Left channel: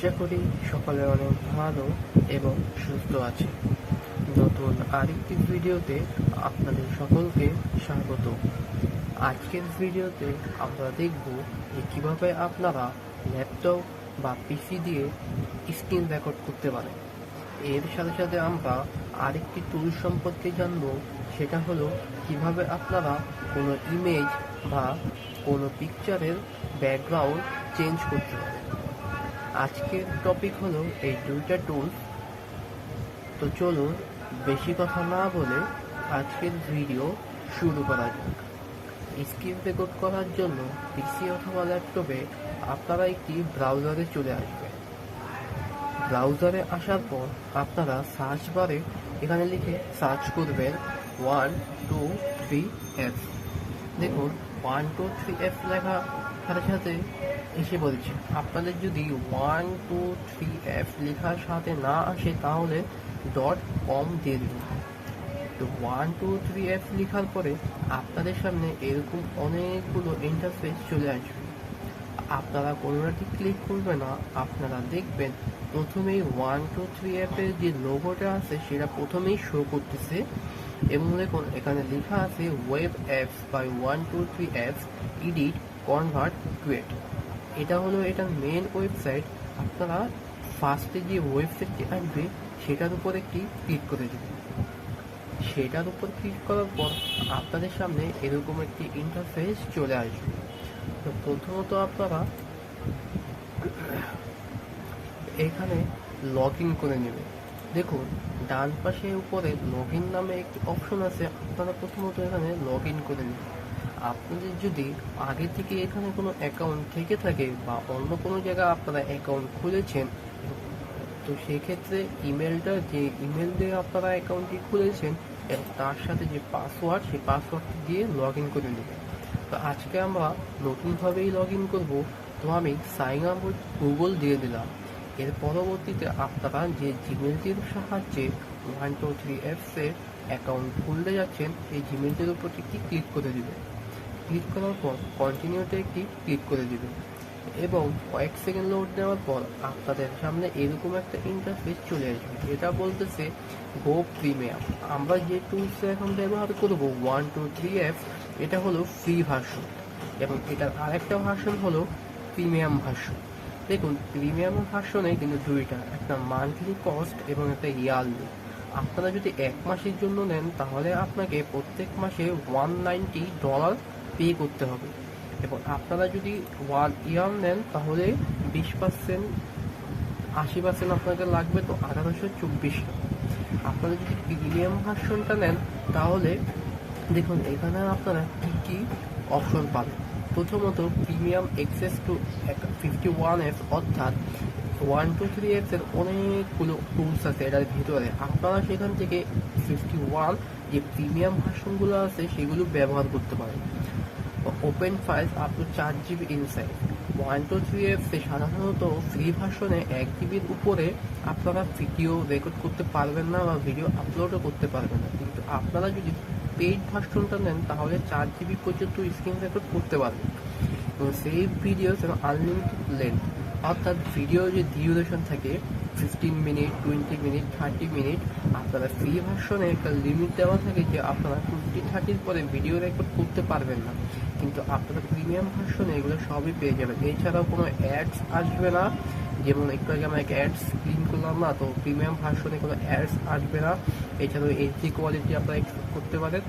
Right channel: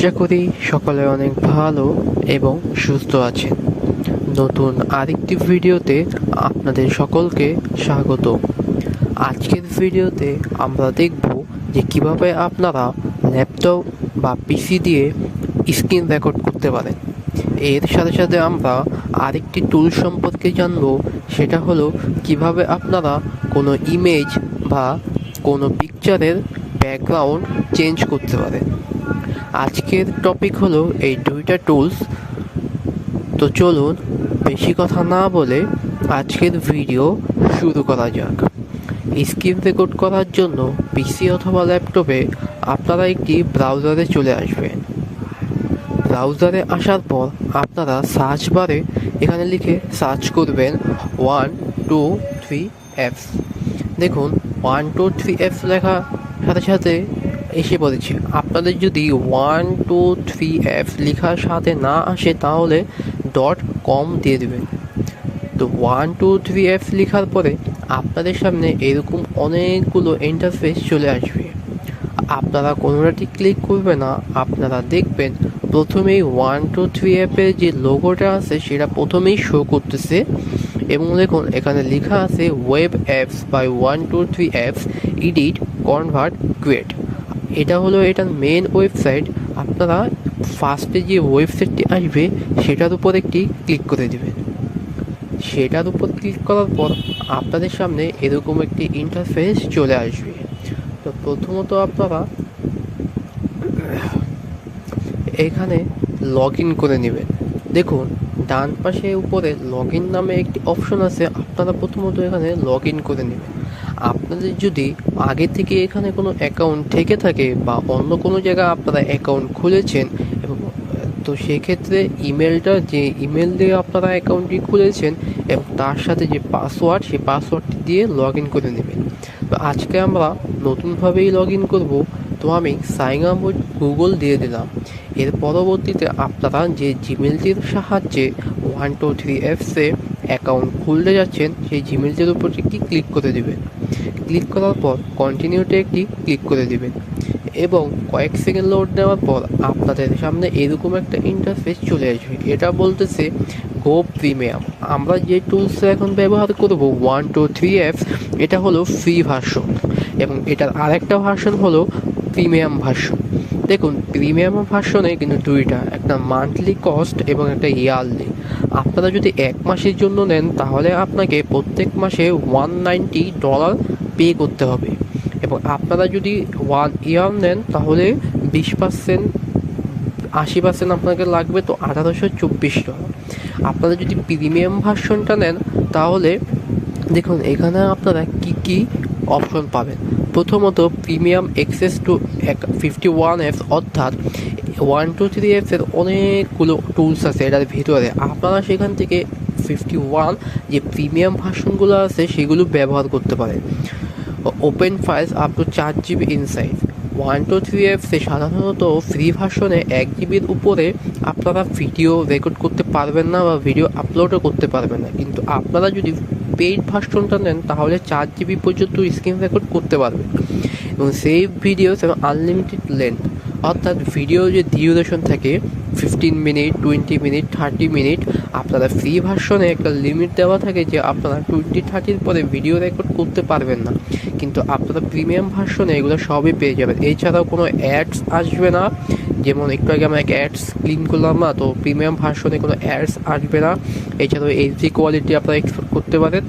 আশা করি সকলে অনেক ভালো এবং সুস্থ আছেন। নতুন আরেকটি ভিডিওতে আপনাদের সকলকে স্বাগত। আজকের ভিডিওতে আমরা দেখব যে কিভাবে আপনারা ল্যাপটপ বা পিসি দিয়ে স্ক্রিন রেকর্ড করতে পারেন। এর সাথে সাথে আমরা আরেকটি টুল সম্পর্কে জানব, সেটা হলো কিভাবে আপনারা কোনো ইমেজ বা কোনো পিকচারের ব্যাকগ্রাউন্ড চেঞ্জ করতে পারেন। আজকের টপিক হলো এই দুইটা টুলস। তো চলুন বেশি কথা না বলে আজকের ভিডিও শুরু করা যাক। স্ক্রিন রেকর্ড করার জন্য পিসি অথবা ল্যাপটপে আপনারা একটি ব্রাউজারে চলে আসবেন। ব্রাউজারে আসার পর আপনারা সার্চ বারে এখানে লিখে সার্চ করবেন 123 অ্যাপস। দেখুন 123 অ্যাপস লেখা সাথে সাথে এসে পড়েছে। আপনাদের যদি 123 অ্যাপস লেখার সাথে না আসে তাহলে .com দিয়ে দেবেন। তো 123 অ্যাপস লেখার পরে আপনাদের সামনে এরকম অনেকগুলো ইন্টারফেস চলে আসবে। আপনারা কোনোটাটি ক্লিক করবে না, আপনারা দেখবেন প্রথমেই 123 অ্যাপের যে লোগোটা আছে সেটা প্রথমেই শো করতেছে এবং দেখুন এখানে লেখা আছে web apps by 123 apps edit convert create. এটা হলো এটার মেন ওয়েবসাইট। আপনারা ফার্স্টে যে ওয়েবসাইটটি আসবে সেটার উপর একটি ক্লিক করে দেবেন। সেটার উপর ক্লিক করার পর আপনাদের সামনে এরকম একটি ইন্টারফেস চলে আসবে। তো প্রথমত আপনারা এখানে লগ ইন করে নেবেন। দেখুন ডান পাশে উপরে লগ ইন নামে একটি অপশন আছে, আপনারা প্রথমত এখানে লগ ইন করে নেবেন। আপনাদের যদি আগে থেকে এখানে কোনো অ্যাকাউন্ট থেকে থাকে বা অন্য কোনো জায়গায় আপনারা অ্যাকাউন্ট খুলেছেন এবং তো সেক্ষেত্রে ইমেলটা যে ইমেল দিয়ে আপনারা অ্যাকাউন্টটি খুলেছেন এবং তার সাথে যে পাসওয়ার্ড সেই পাসওয়ার্ডটি দিয়ে লগ ইন করে নেবেন। তো আজকে আমরা নতুনভাবেই লগ ইন করবো। তো আমি সাইন আপ উইথ গুগল দিয়ে দিলাম। এর পরবর্তীতে আপনারা যে জিমেলটির সাহায্যে 123 অ্যাপসে অ্যাকাউন্ট খুলতে যাচ্ছেন সেই জিমেলটির উপর একটি ক্লিক করে দেবেন। ক্লিক করার পর কন্টিনিউতে একটি ক্লিক করে দেবেন এবং কয়েক সেকেন্ড লোড নেওয়ার পর আপনাদের সামনে এরকম একটা ইন্টারফেস চলে আসবে। এটা বলতেছে গো প্রিমিয়াম। আমরা যে টুলস এখন ব্যবহার করব 123 অ্যাপস, এটা হলো ফ্রি ভার্সন এবং এটার আরেকটা ভার্সন হলো প্রিমিয়াম ভার্সন। দেখুন প্রিমিয়াম ভার্সনে কিন্তু দুইটা, একটা মান্থলি কস্ট এবং একটা ইয়ারলি। আপনারা যদি এক মাসের জন্য নেন তাহলে আপনাকে প্রত্যেক মাসে $190 পে করতে হবে এবং আপনারা যদি 1 ইয়ার নেন তাহলে 20% 80% আপনাকে লাগবে, তো $1824। আপনারা যদি প্রিমিয়াম ভার্সনটা নেন তাহলে দেখুন এখানে আপনারা কি কি অপশন পাবেন। প্রথমত প্রিমিয়াম অ্যাক্সেস টু 51 অ্যাপস, অর্থাৎ 123 অ্যাপসের অনেকগুলো টুলস আছে এটার ভিতরে। আপনারা সেখান থেকে 51 যে প্রিমিয়াম ভার্সনগুলো আছে সেগুলো ব্যবহার করতে পারেন। Open files up to 4 GB ইনসাইজ। 123 অ্যাপসে সাধারণত ফ্রি ভার্সনে 1 GBর উপরে আপনারা ভিডিও রেকর্ড করতে পারবেন না বা ভিডিও আপলোডও করতে পারবেন না, কিন্তু আপনারা যদি পেইড ভার্সনটা নেন তাহলে 4 GB পর্যন্ত স্ক্রিন রেকর্ড করতে পারবেন এবং সেভ ভিডিওস এবং আনলিমিটেড লেন্থ, অর্থাৎ ভিডিও যে ডিউরেশন থাকে 15 মিনিট, 20 মিনিট, 30 মিনিট। আপনারা ফ্রি ভার্সনে একটা লিমিট দেওয়া থাকে যে আপনারা 20-30 পরে ভিডিও রেকর্ড করতে পারবেন না, কিন্তু আপনারা প্রিমিয়াম ভার্সনে এগুলো সবই পেয়ে যাবেন। এছাড়াও কোনো অ্যাডস আসবে না, যেমন একটু আগে আমরা এক অ্যাডস ক্লিন করলাম না, তো প্রিমিয়াম ভার্সনে কোনো অ্যাডস আসবে না। এছাড়াও এইচডি কোয়ালিটি আপনারা এক্সপোর্ট করতে পারেন,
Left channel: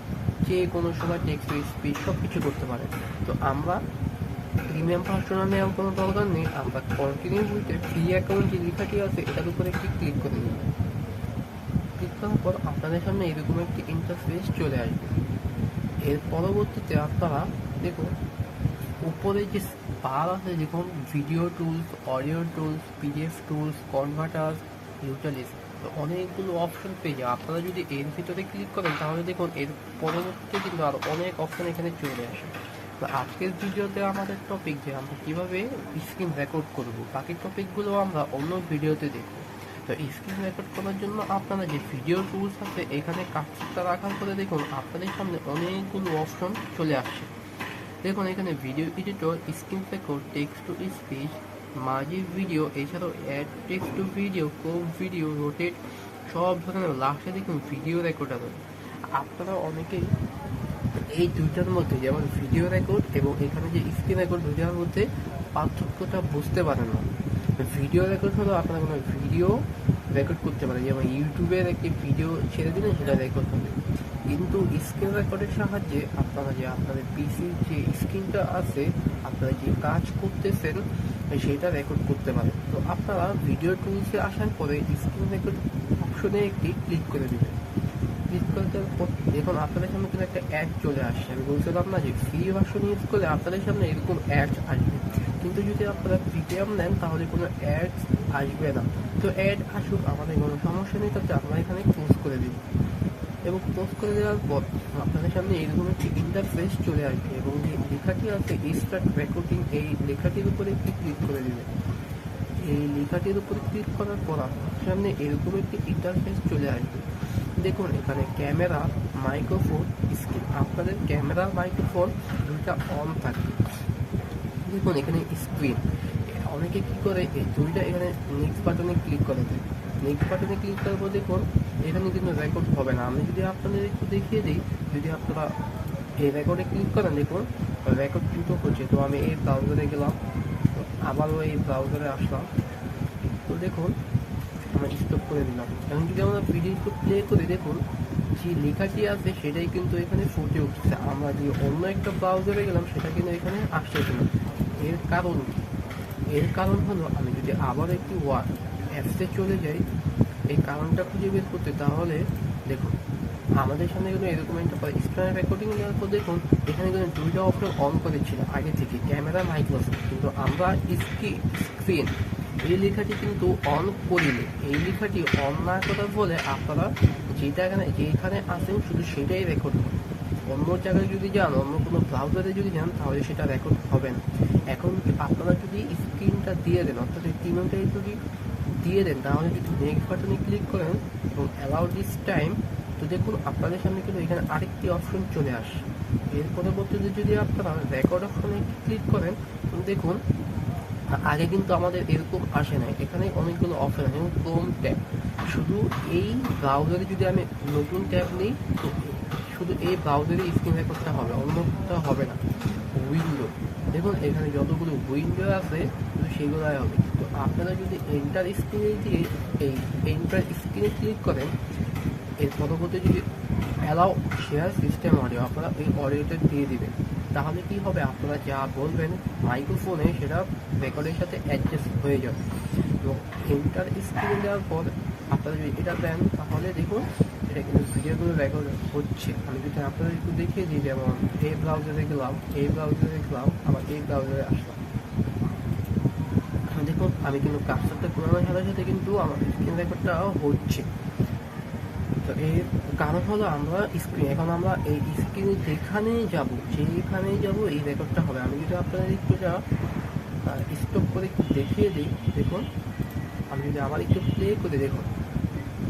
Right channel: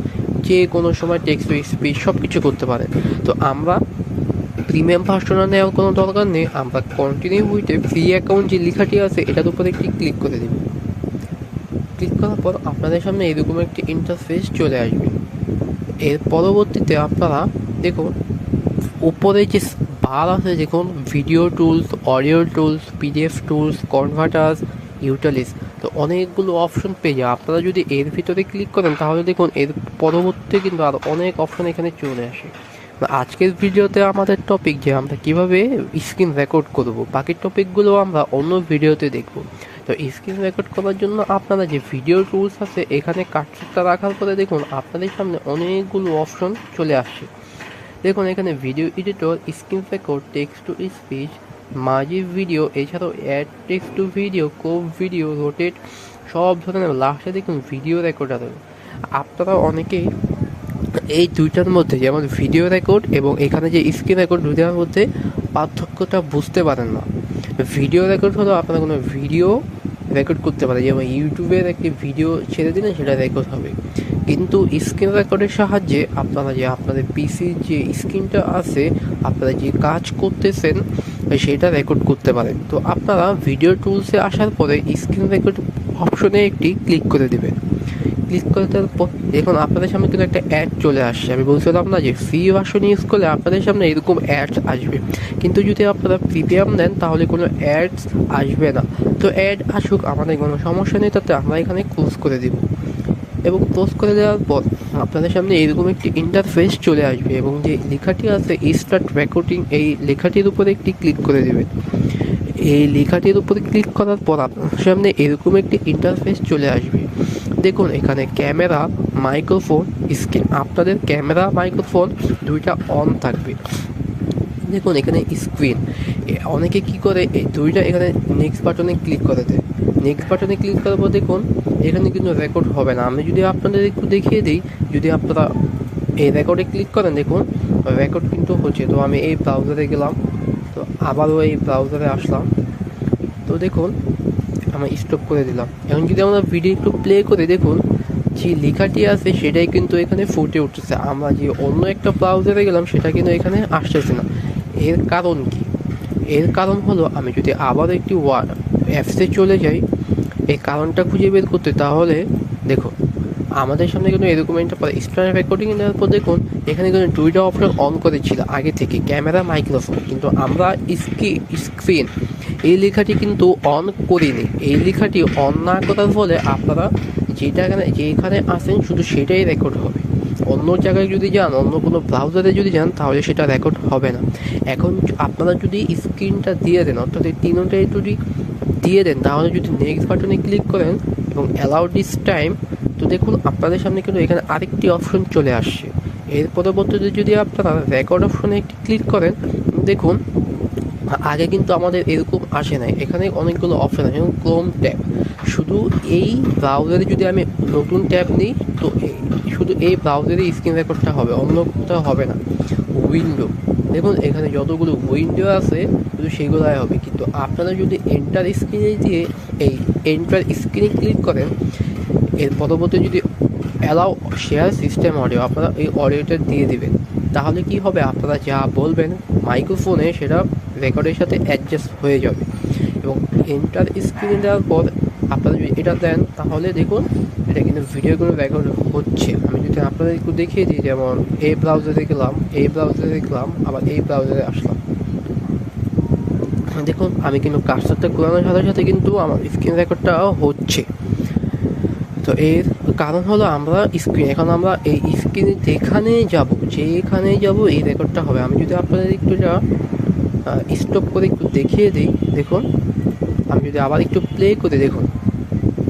যে কোনো সময় টেক্সট টু স্পিচ সব কিছু করতে পারেন। তো আমরা প্রিমিয়াম ভার্সনে নেওয়ার কোনো দরকার নেই, আমরা কন্টিনিউ উইথে ফ্রি অ্যাকাউন্ট যে লেখাটি আছে এটার উপরে একটি ক্লিক করে দেব। ক্লিক করার পর আপনাদের সামনে এরকম একটি ইন্টারফেস চলে আসবে। এর পরবর্তীতে আপনারা দেখুন উপরে যে বার আছে, দেখুন video tools, audio tools, PDF tools, converters, utilities, তো অনেকগুলো অপশন পেয়ে যায়। আপনারা যদি এর ভিতরে ক্লিক করেন তাহলে দেখুন এর পরবর্তীতে কিন্তু আর অনেক অপশন এখানে চলে আসে। আজকের ভিডিওতে আমাদের টপিক যে আমরা কিভাবে স্ক্রিন রেকর্ড করব, বাকি টপিকগুলো আমরা অন্য ভিডিওতে দেখব। তো স্ক্রিন রেকর্ড করার জন্য আপনারা যে ভিডিও টুলস আছে এখানে কাটটা রাখার পরে দেখুন আপনাদের সামনে অনেকগুলো অপশন চলে আসছে। দেখুন এখানে video editor, screen record, text to speech, Majhi video, এছাড়াও অ্যাড টেক্সট টু ভিডিও, কোপ ভিডিও, রোটেট, সব ধরনের। লাস্টে দেখুন ভিডিও রেকর্ডার। আপনারা অনেকেই এই দুইটার মধ্যে, যেমন ভিডিও রেকর্ড এবং এখানে যে স্ক্রিন রেকর্ড, দুইটার মধ্যে পার্থক্যটা বুঝতে পারেন না। ভিডিও রেকর্ড হলো আপনারা কোনো ভিডিও রেকর্ড করতে পারে, যেমন ইউটিউবের একটি ভিডিও ছেড়ে দিলে সেটা রেকর্ড হবে। কিন্তু স্ক্রিন রেকর্ডের সাহায্যে আপনারা যে আপনাদের পিসির যে স্ক্রিনটা আছে, আপনারা যে কাজ করতেছেন সেটা রেকর্ড করতে পারেন। তো আপনারা ভিডিও টুলসে আসার পরে স্ক্রিন রেকর্ড অপশনে একটি ক্লিক করে দেবেন। ক্লিক করে দেওয়ার পর দেখুন আপনাদের সামনে কিন্তু একটা অ্যাড চলে আসছে। আমি বলছিলাম না যে ফ্রি ভার্সন ইউজ করলে আপনাদের সামনে এরকম অ্যাডস আসবে, কিন্তু যদি আপনারা প্রিমিয়াম নেন তাহলে কোনো অ্যাডস আসবে না। তো অ্যাড আসুক, আমাদের কোনো সমস্যা নেই, তাতে আমরা এখানে ক্লোজ করে দেব। এবং ক্লোজ করে দেওয়ার পর আপনাদের সামনে এরকম একটি ইন্টারফেস চলে আসবে, এবং যে লেখাটি আছে স্টার্ট রেকর্ডিং, এই লেখাটির উপরে একটি ক্লিক করে দেবেন। এই লেখাটির উপরে ক্লিক করার পর আপনার সামনে এরকম একটি ইন্টারফেস চলে আসবে। দেখুন এখানে ক্যামেরা, মাইক্রোফোন, স্ক্রিন, আপনাদের ক্যামেরা মাইক্রোফোন দুইটা অন থাকবে। দেখুন এখানে স্ক্রিন, অনেকে কি করে এই দুইটা এখানে নেক্সট বাটনে ক্লিক করে দেয়। নেক্সট বাটনে ক্লিক করার পর দেখুন এখানে কিন্তু রেকর্ড হবে না। আমি যদি আপনাদের একটু দেখিয়ে দিই, যদি আপনারা এই রেকর্ডে ক্লিক করেন দেখুন রেকর্ড কিন্তু হচ্ছে। তো আমি এই ব্রাউজারে গেলাম, তো আবারও এই ব্রাউজারে আসলাম, তো দেখুন আমরা স্টপ করে দিলাম। এখন যদি আমরা ভিডিও একটু প্লে করে দেখুন যে লেখাটি আছে সেটাই কিন্তু এখানে ফুটে উঠতেছে। আমরা যে অন্য একটা ব্রাউজারে গেলাম সেটা কিন্তু এখানে আসতেছে না। এর কারণ কি? এর কারণ হলো, আমি যদি আবার একটি অ্যাপসে চলে যাই এই কারণটা খুঁজে বের করতে, তাহলে দেখুন আমাদের সামনে কিন্তু এরকম একটা পরে স্টার্ট রেকর্ডিং নেওয়ার পর দেখুন এখানে কিন্তু দুইটা অপশন অন করেছিল আগে থেকে, ক্যামেরা, মাইক্রোফোন, কিন্তু আমরা স্ক্রিন এই লেখাটি কিন্তু অন করিনি। এই লেখাটি অন না করার ফলে আপনারা যেখানে আসেন শুধু সেটাই রেকর্ড হবে। অন্য জায়গায় যদি যান, অন্য কোনো ব্রাউজারে যদি যান, তাহলে সেটা রেকর্ড হবে না। এখন আপনারা যদি স্ক্রিনটা দিয়ে দেন, অর্থাৎ এই তিনটাই যদি দিয়ে দেন, তাহলে যদি নেক্সট বাটনে ক্লিক করেন এবং অ্যালাউ দিস টাইম, তো দেখুন আপনাদের সামনে কিন্তু এখানে আরেকটি অপশন চলে আসছে। এর পরবর্তীতে যদি আপনারা রেকর্ড অপশনে একটি ক্লিক করেন, দেখুন আগে কিন্তু আমাদের এরকম আসে নাই। এখানে অনেকগুলো অপশন আছে, যেমন ক্রোম ট্যাব। শুধু এই ব্রাউজারে যদি আমি নতুন ট্যাব নিই, তো শুধু এই ব্রাউজারে স্ক্রিন রেকর্ডটা হবে, অন্য কোথাও হবে না। উইন্ডো, দেখুন এখানে যতগুলো উইন্ডো আছে শুধু সেগুলাই হবে। কিন্তু আপনারা যদি এন্টার স্ক্রিনে দিয়ে এই এন্টার স্ক্রিনে ক্লিক করেন, এর পরবর্তী যদি অ্যালাউ শেয়ার সিস্টেম অডিও, আপনারা এই অডিওটা দিয়ে দিবেন, তাহলে কি হবে, আপনারা যা বলবেন মাইক্রোফোনে সেটা রেকর্ডের সাথে অ্যাডজাস্ট হয়ে যাবে। এবং এন্টার স্ক্রিনে দেওয়ার পর আপনারা যদি এটা দেন, তাহলে দেখুন এটা কিন্তু ভিডিওগুলো রেকর্ড হচ্ছে। আমি যদি আপনাদের একটু দেখিয়ে দিই, যেমন এই ব্রাউজারে গেলাম, এই ব্রাউজারে গেলাম, আবার এই ব্রাউজারে আসলাম, দেখুন আমি কিন্তু কার্সারটা ঘোরানোর সাথে সাথে কিন্তু আমার স্ক্রিন রেকর্ডটা হচ্ছে। তো এর কারণ হলো আমরা এখন আমরা এই স্ক্রিনে যেখানেই যাব এই রেকর্ডটা হবে। আমি যদি আপনাদের একটু স্টপ করে একটু দেখিয়ে দিই, দেখুন আমি যদি আবার একটু প্লে করে দেখুন,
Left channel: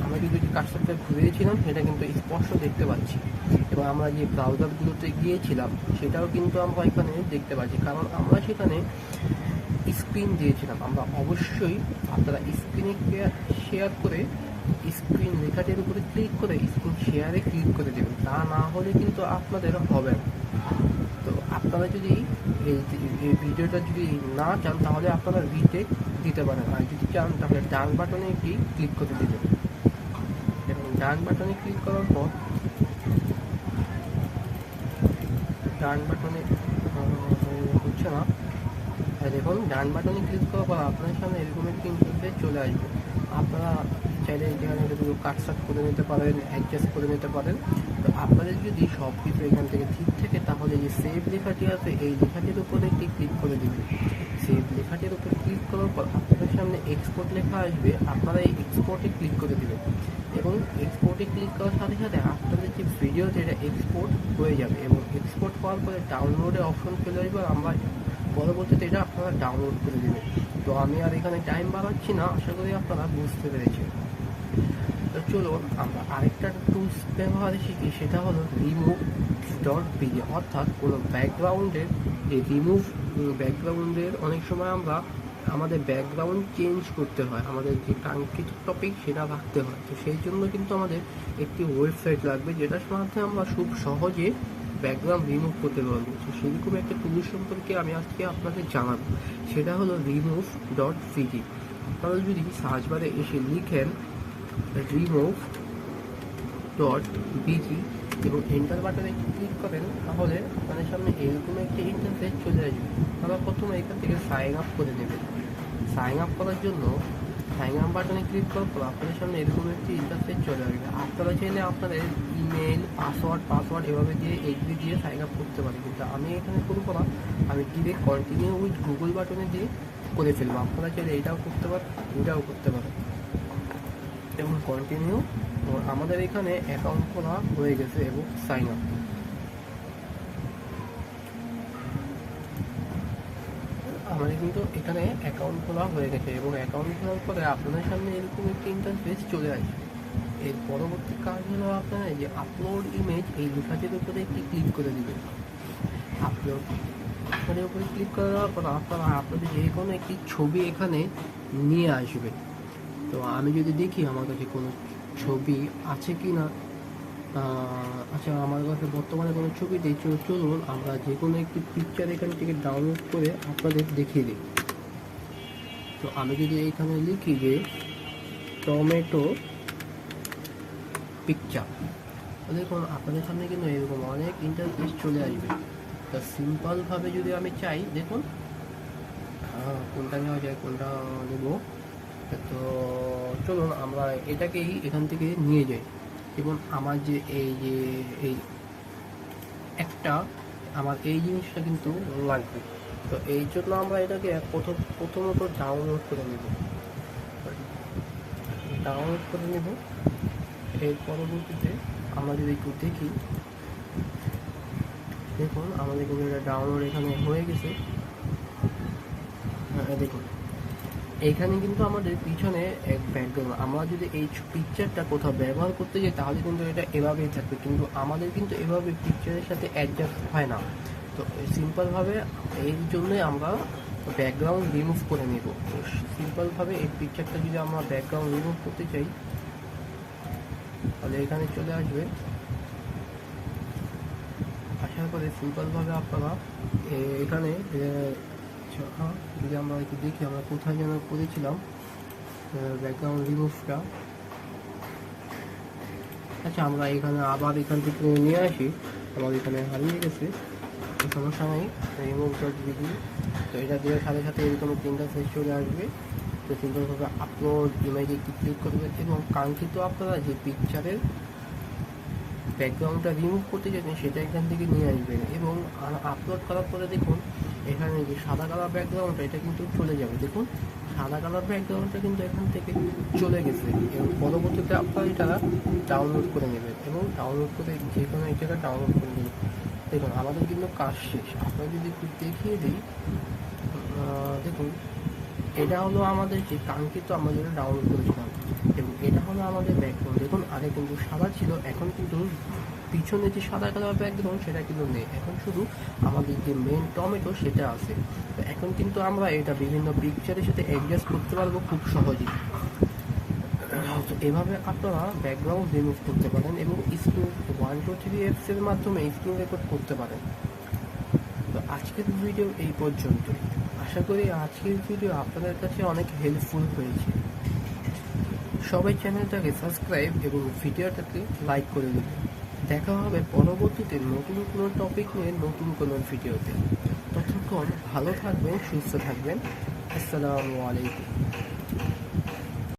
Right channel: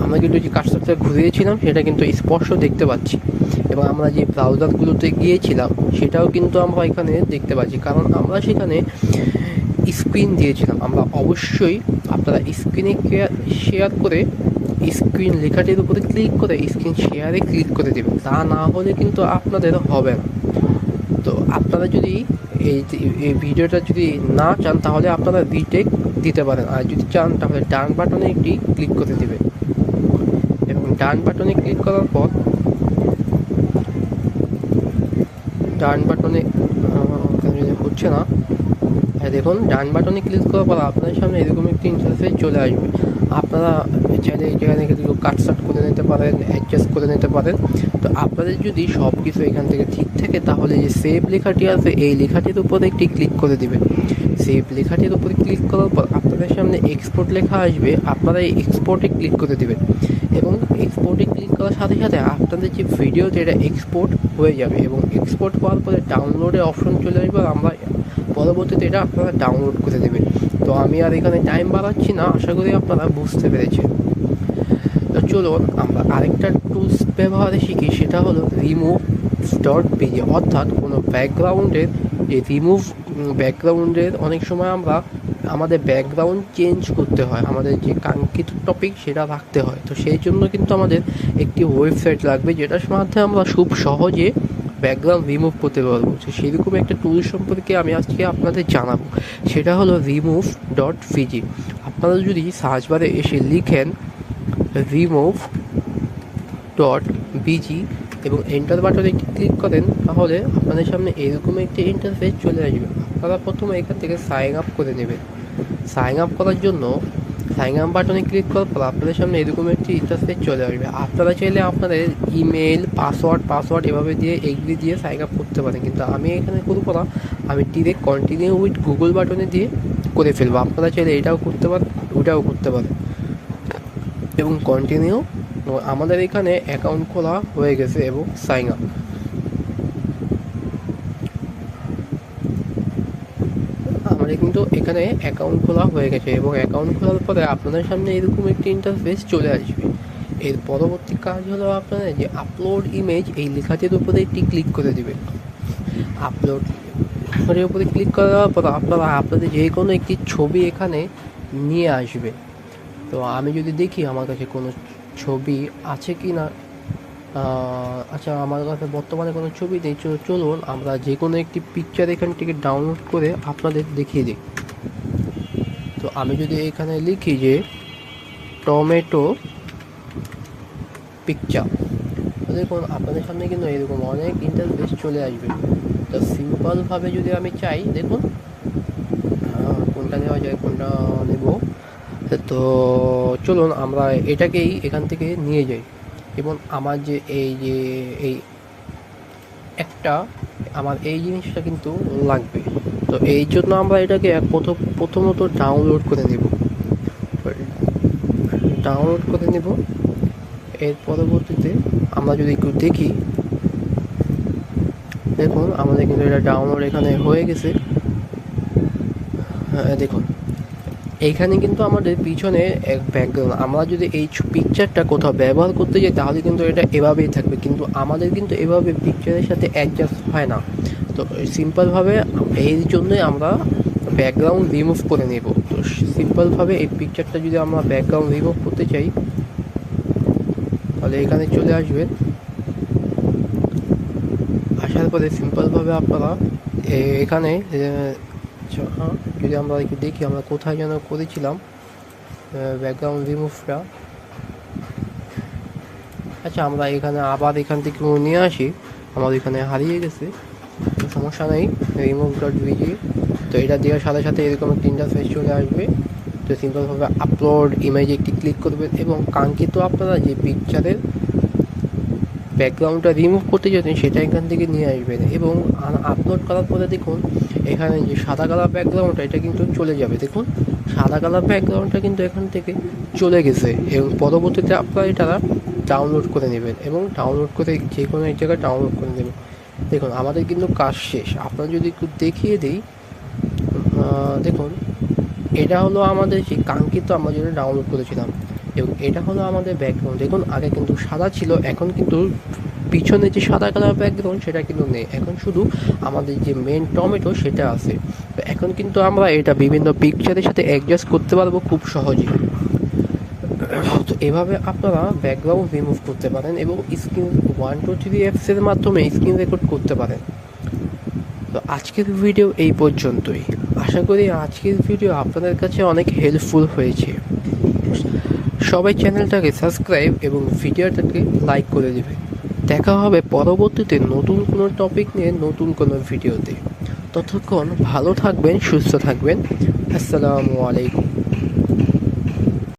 আমরা কিন্তু যে কার্সারটা ঘুরিয়েছিলাম সেটা কিন্তু স্পষ্ট দেখতে পাচ্ছি। এবং আমরা যে ব্রাউজারগুলোতে গিয়েছিলাম সেটাও কিন্তু আমরা এখানে দেখতে পাচ্ছি, কারণ আমরা সেখানে স্ক্রিন দিয়েছিলাম। আমরা অবশ্যই আপনারা স্ক্রিনে শেয়ার করে স্ক্রিন লেখাটির উপরে ক্লিক করে স্ক্রিন শেয়ারে ক্লিক করে দেবেন, তা না হলে কিন্তু আপনাদের হবে না। তো আপনারা যদি এই ভিডিওটা যদি না চান, তাহলে আপনারা রিটেক দিতে পারেন, আর যদি চান তাহলে ডান বাটনে একটি ক্লিক করে দেবেন। এবং ডান বাটনে ক্লিক করার পর ডান বাটনে হচ্ছে না, দেখুন ডান বাটনে ক্লিক করার পর আপনার সামনে এরকম একটি ইন্টারফেস চলে আসবে। আপনারা চাইলে এখানে কিন্তু কাটসাট করে নিতে পারেন, অ্যাডজাস্ট করে নিতে পারেন। তো আপনাদের যদি সব কিছু এখান থেকে ঠিক থাকে, তাহলে যে সেভ লেখাটি আছে এই লেখাটির উপরে একটি ক্লিক করে দেবেন। সেভ লেখাটির উপরে ক্লিক করার পর আপনাদের সামনে এক্সপোর্ট লেখা আসবে, আপনারা এই এক্সপোর্টে ক্লিক করে দেবেন। এবং এক্সপোর্টে ক্লিক করার সাথে সাথে আপনাদের যে ভিডিও যেটা এক্সপোর্ট হয়ে যাবে, এবং এক্সপোর্ট হওয়ার পরে ডাউনলোডের অপশন চলে আসবে, আমরা পরবর্তীতে এটা আপনারা ডাউনলোড করে দেবেন। তো আমি আর এখানে টাইম বাড়াচ্ছি না, আশা করি আপনারা বুঝতে পেরেছেন। তো চলুন আমরা আরেকটা টুলস ব্যবহারে শিখি, সেটা হলো remove.pg, অর্থাৎ কোনো ব্যাকগ্রাউন্ডের অনেক সময় আমরা আমাদের ব্যাকগ্রাউন্ড চেঞ্জ করতে হয়, আমাদের যে কাঙ্ক্ষিত টপিক সেটা রাখতে হয়। তো সেই জন্য কিন্তু আমাদের একটি ওয়েবসাইট লাগবে যেটার মাধ্যমে আমরা খুব সহজে ব্যাকগ্রাউন্ড রিমুভ করতে পারবো। তো সেরকম একটা টুল সম্পর্কে আমি আজকে আপনাদের জানাবো, সেটা হলো remove.vg। আপনারা যদি সার্চ বারে এসে লিখেন remove.vg এবং এন্টার বাটনে একটি ক্লিক করেন, তাহলে আপনাদের সামনে এরকম একটি ইন্টারফেস চলে আসবে। আপনারা প্রথমে এখান থেকে সাইন আপ করে নেবেন। সাইন আপ করার জন্য সাইন আপ বাটনে ক্লিক করার পর আপনাদের সামনে এরকম একটি ইন্টারফেস চলে আসবে। আপনারা চাইলে আপনাদের ইমেল, পাসওয়ার্ড এভাবে দিয়ে এগ্রি দিয়ে সাইন আপ করতে পারেন, কিন্তু আমি এখানে করবো না, আমি ডিরেক্ট কন্টিনিউ উইথ গুগল বাটনে দিয়ে করে ফেলবো। আপনারা চাইলে এটাও করতে পারেন, ওটাও করতে পারেন এবং কন্টিনিউ। আমাদের এখানে অ্যাকাউন্ট খোলা হয়ে গেছে এবং সাইন আপ। আমাদের কিন্তু এখানে অ্যাকাউন্ট খোলা হয়ে গেছে এবং অ্যাকাউন্ট খোলার পরে আপনাদের সামনে এরকম একটি ইন্টারফেস চলে আসবে। এর পরবর্তী কাজ হলো আপনারা যে আপলোড ইমেজ এই লেখাটির উপরে একটি ক্লিক করে দিবেন। আপলোড এর উপরে ক্লিক করার পর আপনারা আপনাদের যে কোনো একটি ছবি এখানে নিয়ে আসবেন। তো আমি যদি দেখি আমার কাছে কোনো ছবি আছে কি না, আচ্ছা আমার কাছে বর্তমানে কোনো ছবি নেই। চলুন আমরা যে কোনো একটি পিকচার এখান থেকে ডাউনলোড করে আপনাদের দেখিয়ে দিই। তো আমি যদি এখানে লিখি যে টমেটো পিকচার, দেখুন আপনাদের সামনে কিন্তু এরকম অনেক ইন্টারফেস চলে আসবে। তো সিম্পলভাবে যদি আমি চাই, দেখুন কোনটা নেওয়া যায়, কোনটা নেব। তো চলুন আমরা এটাকেই এখান থেকে নিয়ে যাই এবং আমার যে এই একটা আমার এই জিনিসটা কিন্তু লাগবে। তো এই জন্য আমরা এটাকে প্রথমত ডাউনলোড করে নেব। এর পরবর্তীতে আমরা যদি একটু দেখি, দেখুন আমাদের কিন্তু এটা ডাউনলোড এখানে হয়ে গেছে। দেখুন এইখানে কিন্তু আমাদের পিছনে এক ব্যাকগ্রাউন্ড, আমরা যদি এই পিকচারটা কোথাও ব্যবহার করতে যাই তাহলে কিন্তু এটা এভাবেই থাকবে, কিন্তু আমাদের কিন্তু এভাবে পিকচারের সাথে অ্যাডজাস্ট হয় না। তো সিম্পলভাবে এই জন্যই আমরা ব্যাকগ্রাউন্ড রিমুভ করে নেব। তো সিম্পলভাবে এই পিকচারটা যদি আমরা ব্যাকগ্রাউন্ড রিমুভ করতে চাই তাহলে এখানে চলে আসবেন। আসার পরে সিম্পলভাবে আপনারা এখানে যদি আমরা একটু দেখি আমরা কোথায় যেন করেছিলাম ব্যাকগ্রাউন্ড রিমুভটা। আচ্ছা আমরা এখানে আবার এখান থেকে নিয়ে আসি, আমার এখানে হারিয়ে গেছে, সমস্যা নেই। remove.vg, তো এটা দেওয়ার সাথে সাথে এরকম একটা ইন্টারফেস চলে আসবে। তো সিম্পলভাবে আপলোড ইমেজে একটি ক্লিক করবেন এবং কাঙ্ক্ষিত আপনারা যে পিকচারের ব্যাকগ্রাউন্ডটা রিমুভ করতে যেতেন সেটা এখান থেকে নিয়ে আসবেন এবং আপলোড করার পরে দেখুন এখানে যে সাদা কালার ব্যাকগ্রাউন্ডটা এটা কিন্তু চলে যাবে। দেখুন সাদা কালার ব্যাকগ্রাউন্ডটা কিন্তু এখান থেকে চলে গেছে এবং পরবর্তীতে আপনারা এটা ডাউনলোড করে নেবেন এবং ডাউনলোড করে যে কোনো এক জায়গায় ডাউনলোড করে নেবেন। দেখুন আমাদের কিন্তু কাজ শেষ। আপনারা যদি একটু দেখিয়ে দিই, দেখুন এটা হলো আমাদের যে কাঙ্ক্ষিত আমরা যেটা ডাউনলোড করেছিলাম এবং এটা হলো আমাদের ব্যাকগ্রাউন্ড। দেখুন আগে কিন্তু সাদা ছিল, এখন কিন্তু পিছনে যে সাদা কালার ব্যাকগ্রাউন্ড সেটা কিন্তু নেই, এখন শুধু আমাদের যে মেন টমেটো সেটা আছে। তো এখন কিন্তু আমরা এটা বিভিন্ন পিকচারের সাথে অ্যাডজাস্ট করতে পারবো খুব সহজেই। তো এভাবে আপনারা ব্যাকগ্রাউন্ড রিমুভ করতে পারেন এবং স্ক্রিন 1 2 3 অ্যাপসের মাধ্যমে স্ক্রিন রেকর্ড করতে পারেন। তো আজকের ভিডিও এই পর্যন্তই। আশা করি আজকের ভিডিও আপনাদের কাছে অনেক হেল্পফুল হয়েছে। সবাই চ্যানেলটাকে সাবস্ক্রাইব এবং ভিডিওটাকে লাইক করে দেবে। দেখা হবে পরবর্তীতে নতুন কোনো টপিক নিয়ে নতুন কোনো ভিডিওতে। ততক্ষণ ভালো থাকবেন, সুস্থ থাকবেন। আসসালামু আলাইকুম।